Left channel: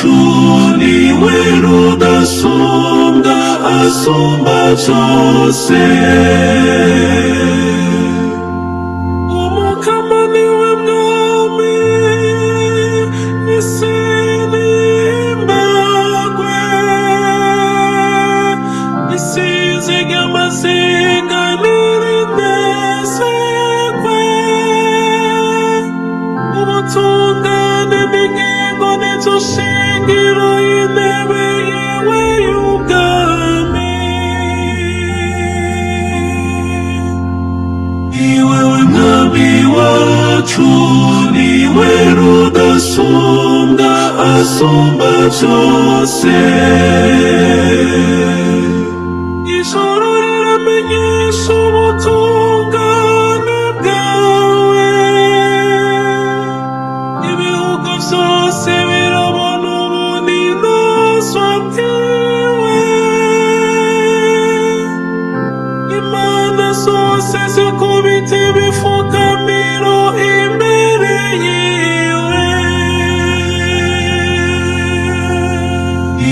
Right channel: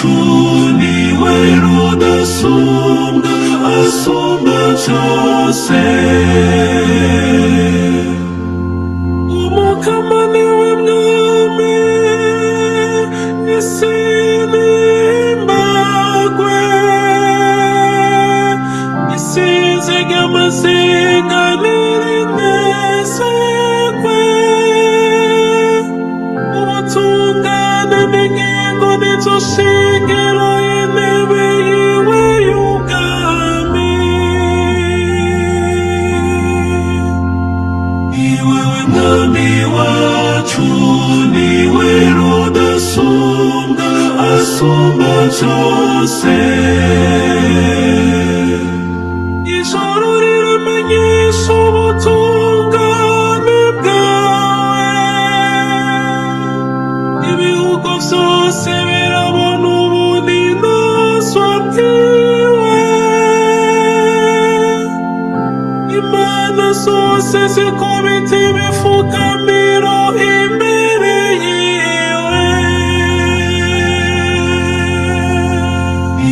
wacu niwe rudasumbwa asumba byose. Umukama niwe mwami isi n'imbagwe, isize amaziga n'irinezerwe, ubutungane n'ingingo nitushigiro intebe yiwe y'ubwami. Iwewe mwami wacu niwe rudasumbwa asumba byose. Ijuru riramenyesha ubutungane bwawe, ibihugu byose birabona ubuninazo bwawe, imana zose zikubita ibifukamiro imbere yiwe.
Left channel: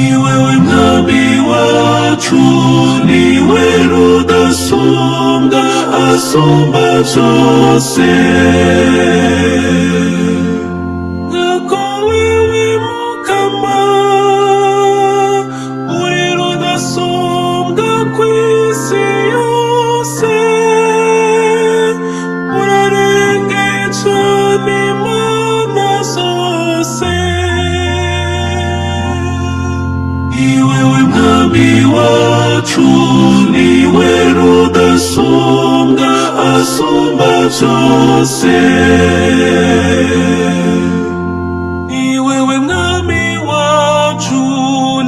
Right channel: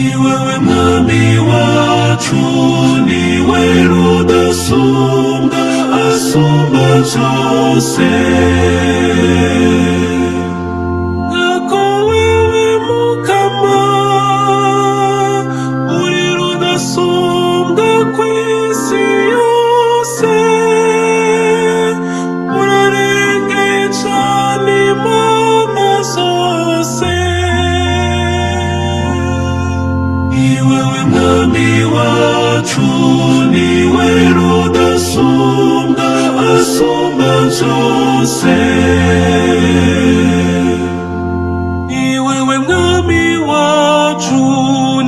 Iwewe mwami wacu niwe rudasumbwa asumba byose. Nuko wewe Mukama uri rudasumbwa ku isi yose, urarengeje n'imana zose. Iwewe mwami wacu niwe rudasumbwa asumba byose. Iwewe mwami wacu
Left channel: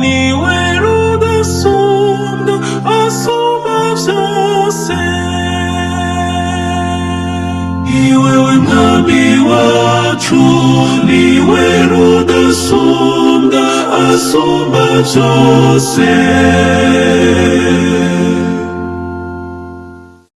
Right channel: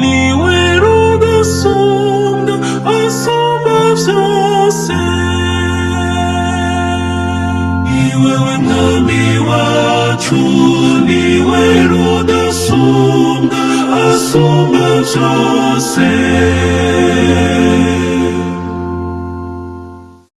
niwe rudasumbwa asumba byose. Iwewe mwami wacu niwe rudasumbwa asumba byose.